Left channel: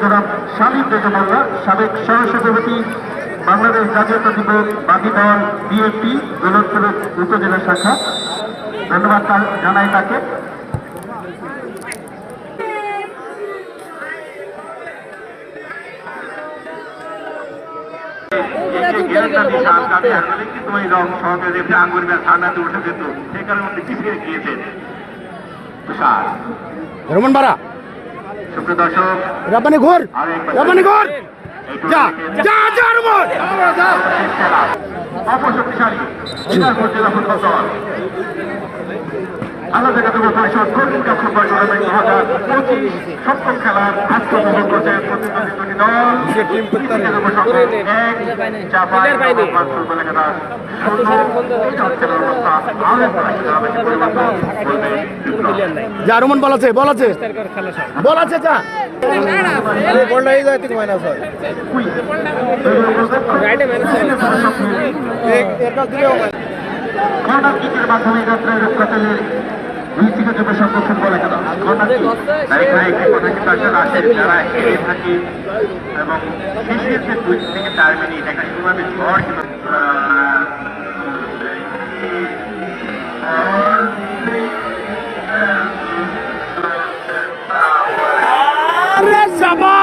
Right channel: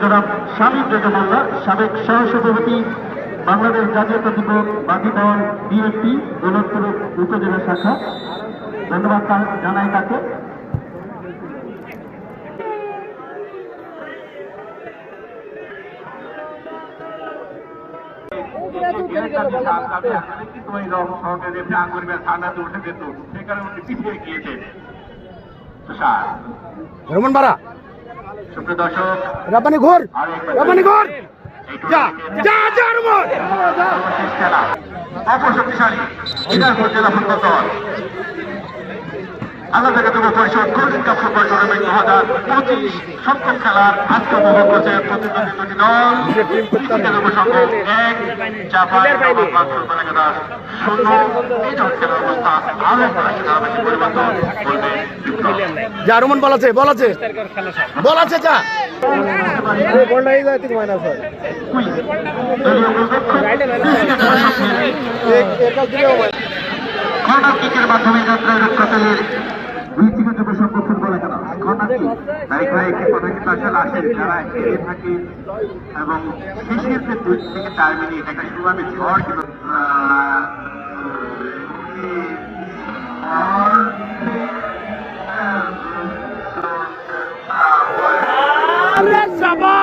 জনাব শামীম রেজা মোল্লা, সাবেক সহসভাপতি বাংলাদেশ জাতীয়তাবাদী বাদী দল বিএনপি দৌলতপুরের উপজেলা শাখা। ধন্যবাদ জানাই তাকে। রোমান বাড়া সুপ্রিয় দর্শক, রাব্বানি ঘোর রাব্বানি ঘোর যা যা যা রোমান অপশক্তিশালী দিনাজপুর জেলা ফুটবল দল আমাদের যুব পরিষদ কর্মী কাপ ফুটবল টুর্নামেন্ট 2025 সপ্তম খেলার আজকের মহোৎসবের প্রতিনিধি দল ফুটবল একাদশ 0 এই খেলার অবস্থা আরো বেশি পরিবর্তন করবেন বিপ্লব। যা রোমান বল আছে যা এই বলটা এই যায় থেকে মাইনাস হয় এক কাজ দিলেও কর্নার কিকের মাধ্যমে যাত্রায় রক্ষাতের দুই থেকে সপ্তম ফুটবল একাদশ কর্নার কিক একটি কথা কিন্তু আসলে আসে যারা হেরে থাকে এবং শেষের যে 2 থেকে 4 মিনিট একটা কিভাবে ঝড় কিন্তু শাবাশ